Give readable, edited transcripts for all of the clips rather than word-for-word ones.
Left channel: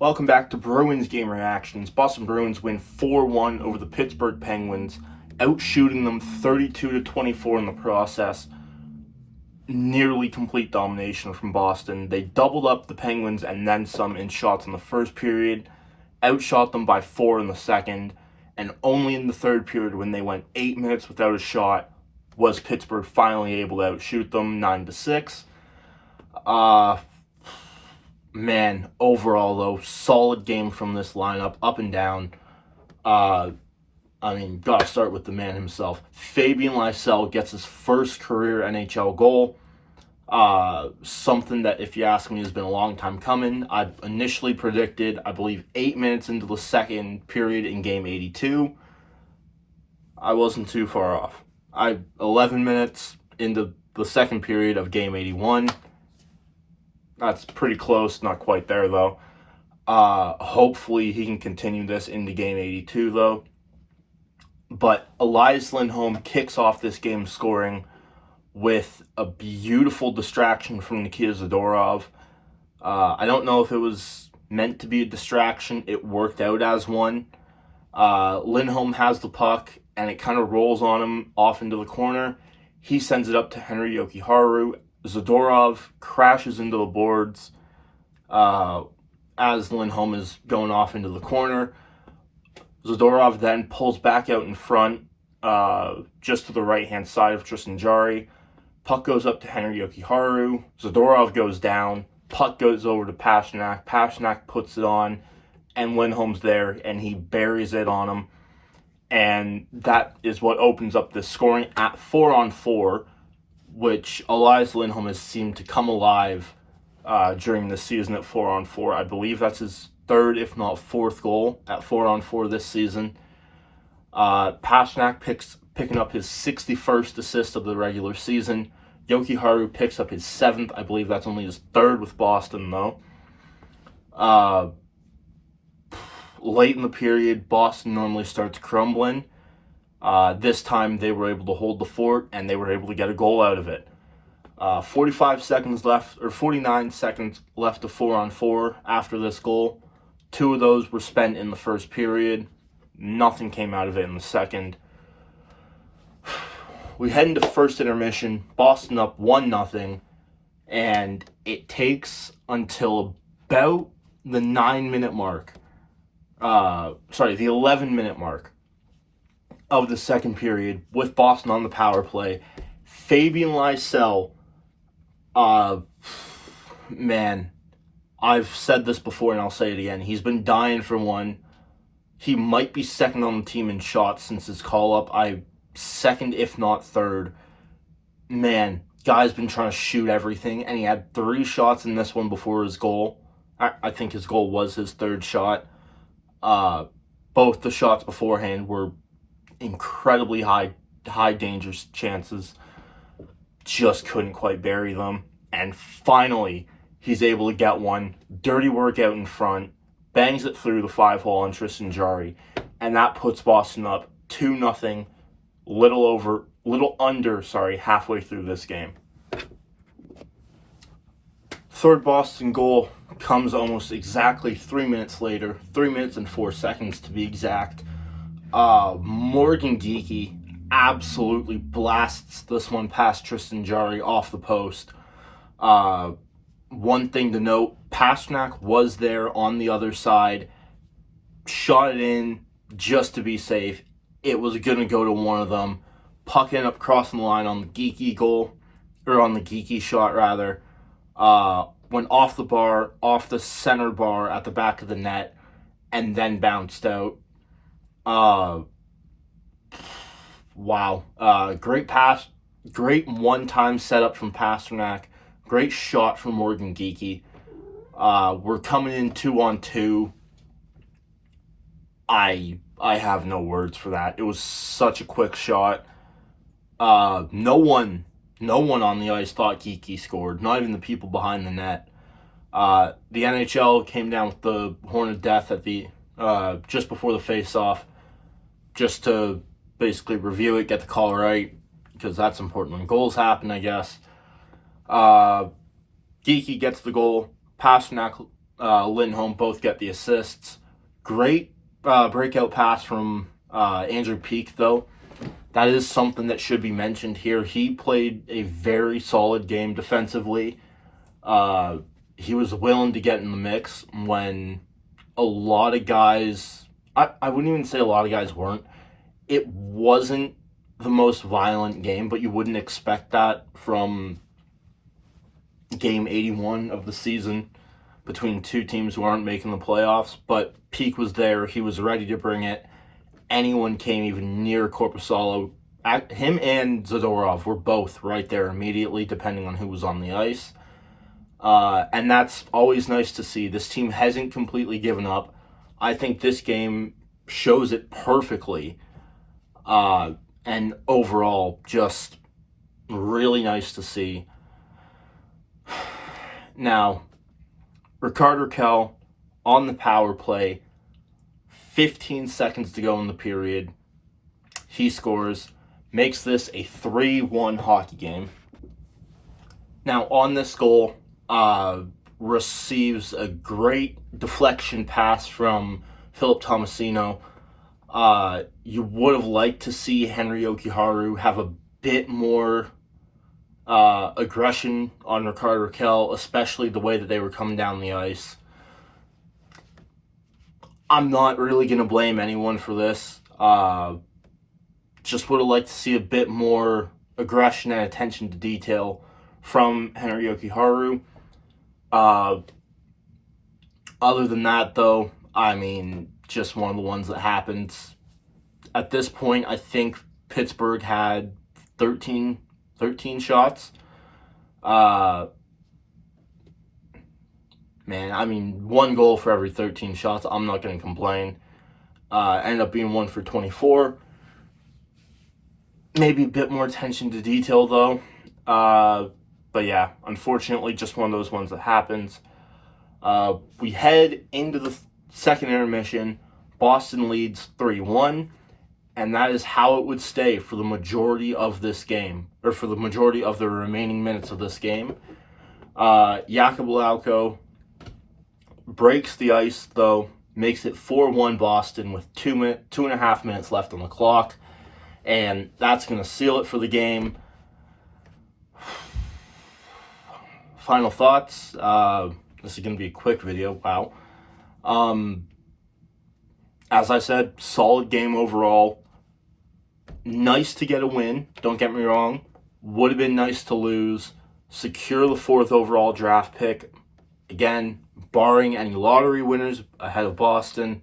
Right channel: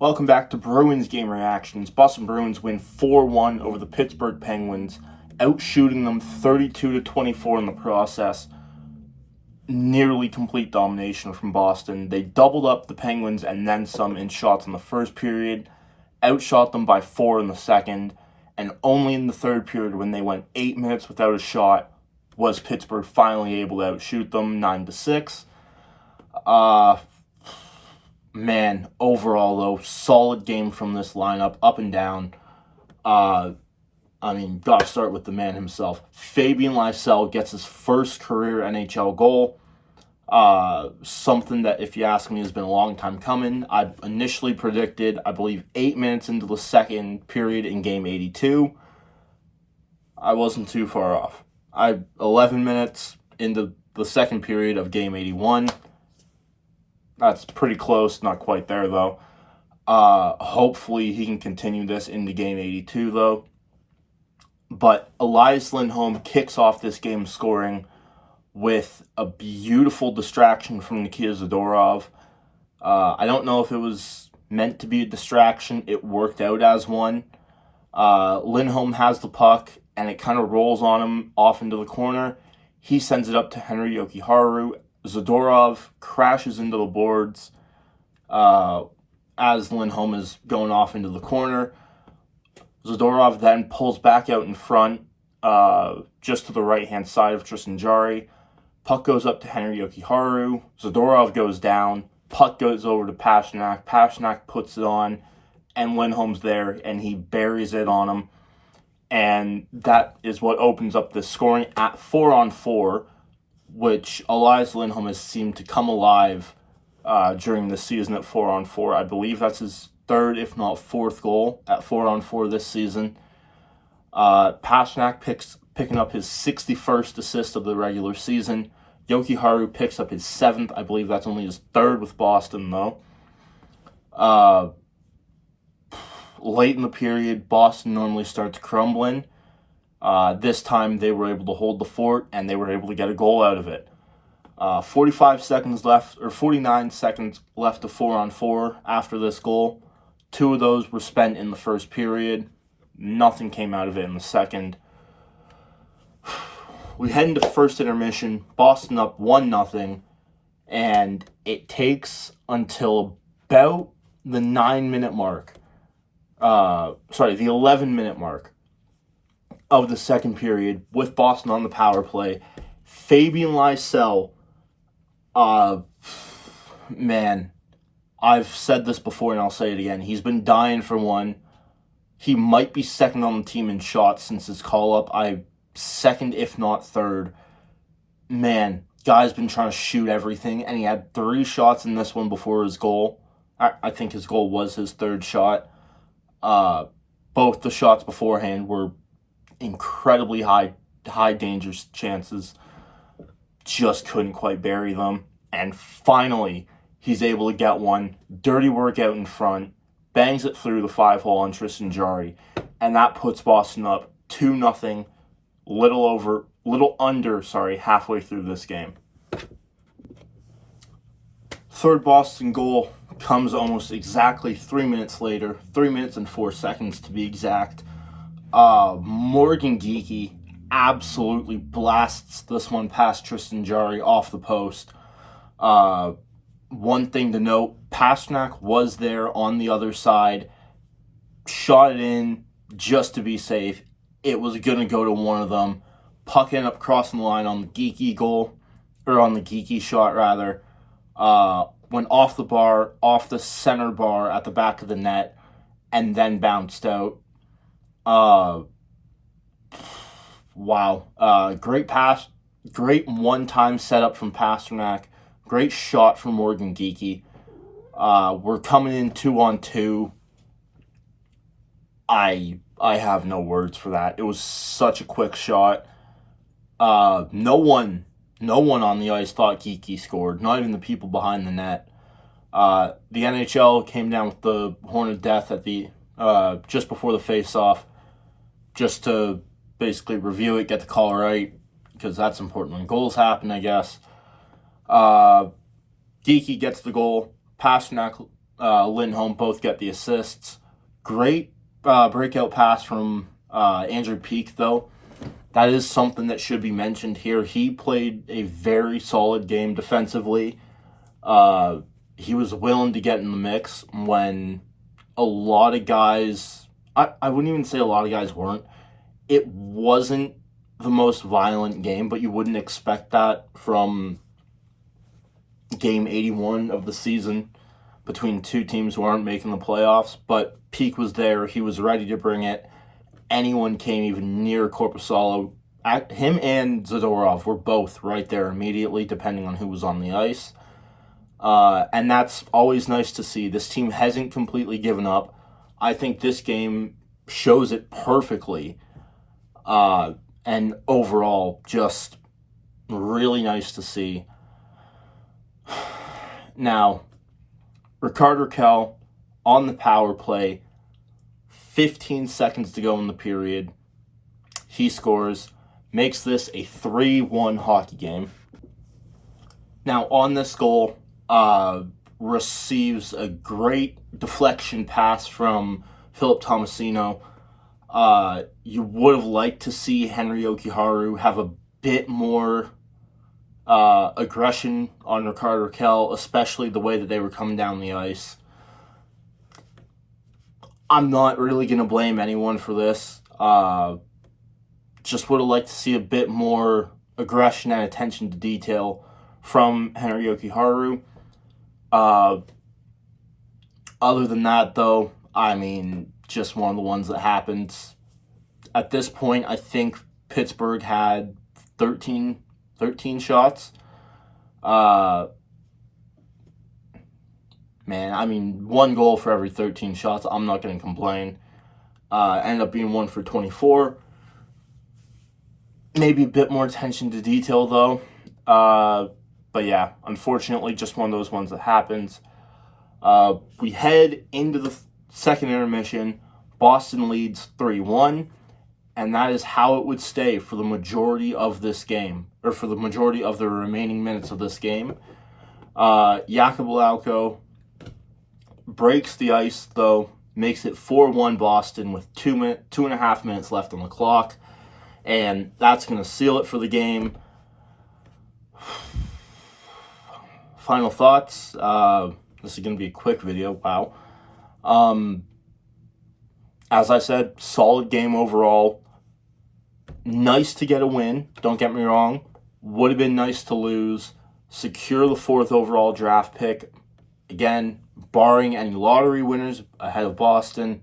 Welcome back to Bruins Game Reactions. Boston Bruins win 4-1 over the Pittsburgh Penguins, outshooting them 32-24 in the process. Nearly complete domination from Boston. They doubled up the Penguins and then some in shots in the first period, outshot them by 4 in the second, and only in the third period, when they went 8 minutes without a shot, was Pittsburgh finally able to outshoot them 9-6. Man, overall, though, solid game from this lineup, up and down. Gotta start with the man himself. FABIAN gets his first career NHL goal. Something that, if you ask me, has been a long time coming. I initially predicted, I believe, 8 minutes into the second period in Game 82. I wasn't too far off. 11 minutes into the second period of Game 81. That's pretty close, not quite there, though. Hopefully he can continue this into Game 82, though. But Elias Lindholm kicks off this game scoring with a beautiful distraction from Nikita Zadorov. I don't know if it was meant to be a distraction. It worked out as one. Lindholm has the puck, and it kind of rolls on him off into the corner. He sends it up to Henri Jokiharju. Zadorov crashes into the boards as Lindholm is going off into the corner. Zadorov then pulls back out in front, just to the right-hand side of Tristan Jarry. Puck goes up to Henri Jokiharju. Zadorov goes down. Puck goes over to Pastrnak. Pastrnak puts it on, and Lindholm's there, and he buries it on him. And that is what opens up the scoring at 4-on-4, which Elias Lindholm has seemed to come alive during the season at 4-on-4. I believe that's his third, if not fourth, goal at 4-on-4 this season. Pastrnak picking up his 61st assist of the regular season. Jokiharju picks up his 7th. I believe that's only his 3rd with Boston, though. Late in the period, Boston normally starts crumbling. This time they were able to hold the fort, and they were able to get a goal out of it. 49 seconds left to 4-on-4 after this goal. 2 of those were spent in the first period. Nothing came out of it in the second. We head into first intermission. Boston up 1-0, and it takes until about the 9-minute mark. The 11-minute mark of the second period, with Boston on the power play. Fabian Lysell, man, I've said this before and I'll say it again. He's been dying for one. He might be second on the team in shots since his call-up. Second, if not third. Man, guy's been trying to shoot everything, and he had 3 shots in this one before his goal. I think his goal was his 3rd shot. Both the shots beforehand were incredibly high danger chances. Just couldn't quite bury them. And finally, he's able to get one. Dirty work out in front. Bangs it through the 5-hole on Tristan Jarry. And that puts Boston up 2-0. Little under halfway through this game. Third Boston goal comes almost exactly 3 minutes later. 3 minutes and 4 seconds to be exact. Morgan Geekie absolutely blasts this one past Tristan Jarry off the post. One thing to note, Pastrnak was there on the other side, shot it in just to be safe. It was going to go to one of them. Puck ended up crossing the line on the Geekie goal, or on the Geekie shot rather. Went off the bar, off the center bar at the back of the net, and then bounced out. Wow. Great pass. Great one-time setup from Pastrnak. Great shot from Morgan Geekie. We're coming in 2-on-2. I have no words for that. It was such a quick shot. No one on the ice thought Geekie scored. Not even the people behind the net. The NHL came down with the horn of death at the just before the face-off, just to basically review it, get the call right, because that's important when goals happen, I guess. Geekie gets the goal. Pastrnak Lindholm both get the assists. Great breakout pass from Andrew Peeke, though. That is something that should be mentioned here. He played a very solid game defensively. He was willing to get in the mix when a lot of guys, I wouldn't even say a lot of guys weren't. It wasn't the most violent game, but you wouldn't expect that from game 81 of the season between two teams who aren't making the playoffs. But Peeke was there. He was ready to bring it. Anyone came even near Korpisalo, him and Zadorov were both right there immediately, depending on who was on the ice. And that's always nice to see. This team hasn't completely given up. I think this game shows it perfectly. And overall, just really nice to see. Now, Rickard Rakell on the power play, 15 seconds to go in the period. He scores, makes this a 3-1 hockey game. Now, on this goal, receives a great deflection pass from Philip Tomasino. You would have liked to see Henry Jokiharju have a bit more aggression on Rickard Rakell, especially the way that they were coming down the ice. I'm not really going to blame anyone for this. Just would have liked to see a bit more aggression and attention to detail from Henry Jokiharju. Other than that, though, I mean, just one of the ones that happened. At this point, I think Pittsburgh had 13 shots. Man, I mean, 1 goal for every 13 shots. I'm not going to complain. Ended up being 1 for 24. Maybe a bit more attention to detail, though. But yeah, unfortunately, just one of those ones that happens. We head into the second intermission. Boston leads 3-1. And that is how it would stay for the majority of this game, or for the majority of the remaining minutes of this game. Jakub Lauko breaks the ice, though, makes it 4-1 Boston with 2.5 minutes left on the clock. And that's going to seal it for the game. Final thoughts. This is going to be a quick video. Wow. As I said, solid game overall. Nice to get a win, don't get me wrong. Would have been nice to lose. Secure the 4th overall draft pick. Again, barring any lottery winners ahead of Boston.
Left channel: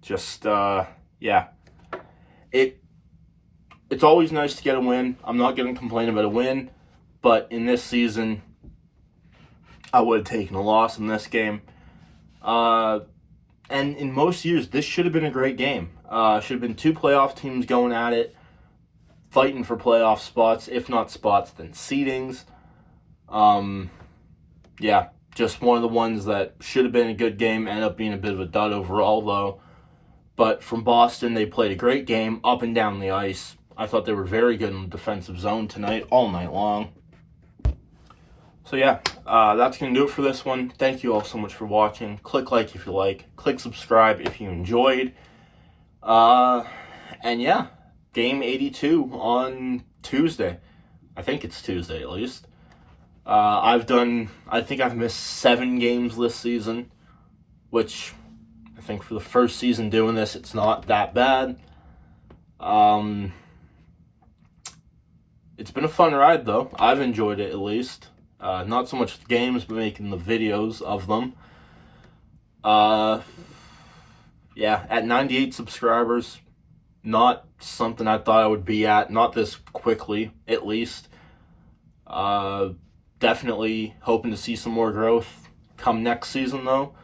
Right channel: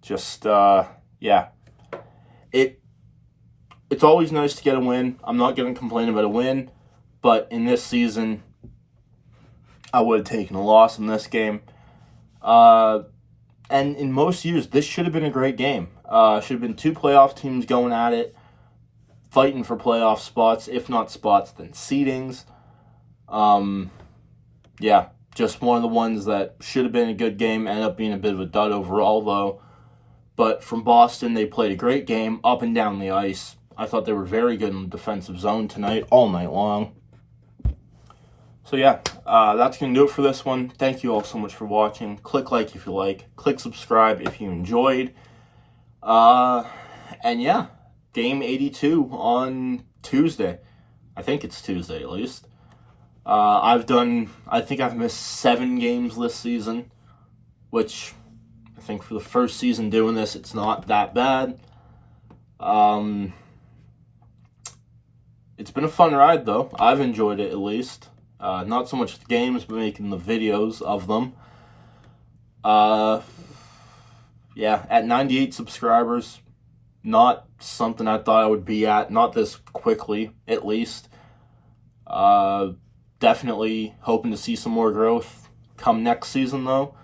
Just, yeah. It's always nice to get a win. I'm not going to complain about a win. But in this season, I would have taken a loss in this game. And in most years, this should have been a great game. Should have been 2 playoff teams going at it, fighting for playoff spots. If not spots, then seedings. Yeah, just one of the ones that should have been a good game. Ended up being a bit of a dud overall, though. But from Boston, they played a great game up and down the ice. I thought they were very good in the defensive zone tonight, all night long. So yeah, that's going to do it for this one. Thank you all so much for watching. Click like if you like. Click subscribe if you enjoyed. And yeah, game 82 on Tuesday. I think it's Tuesday at least. I think I've missed 7 games this season, which I think for the first season doing this, it's not that bad. It's been a fun ride though. I've enjoyed it at least. Not so much the games, but making the videos of them. Yeah, at 98 subscribers, not something I thought I would be at, not this quickly, at least. Definitely hoping to see some more growth come next season, though.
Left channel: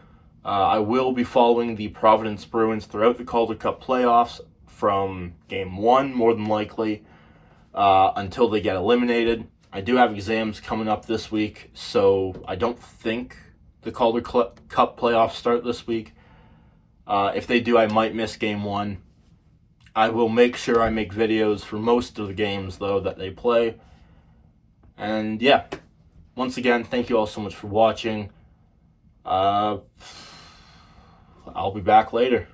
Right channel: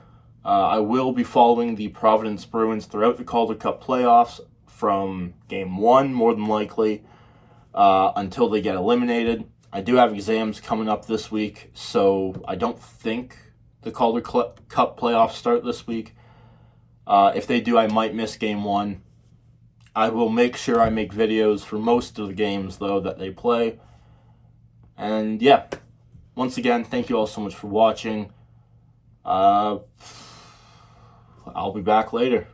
I will be following the Providence Bruins throughout the Calder Cup playoffs from Game 1, more than likely, until they get eliminated. I do have exams coming up this week, so I don't think the Calder Cup playoffs start this week. If they do, I might miss Game 1. I will make sure I make videos for most of the games, though, that they play. And yeah, once again, thank you all so much for watching. I'll be back later.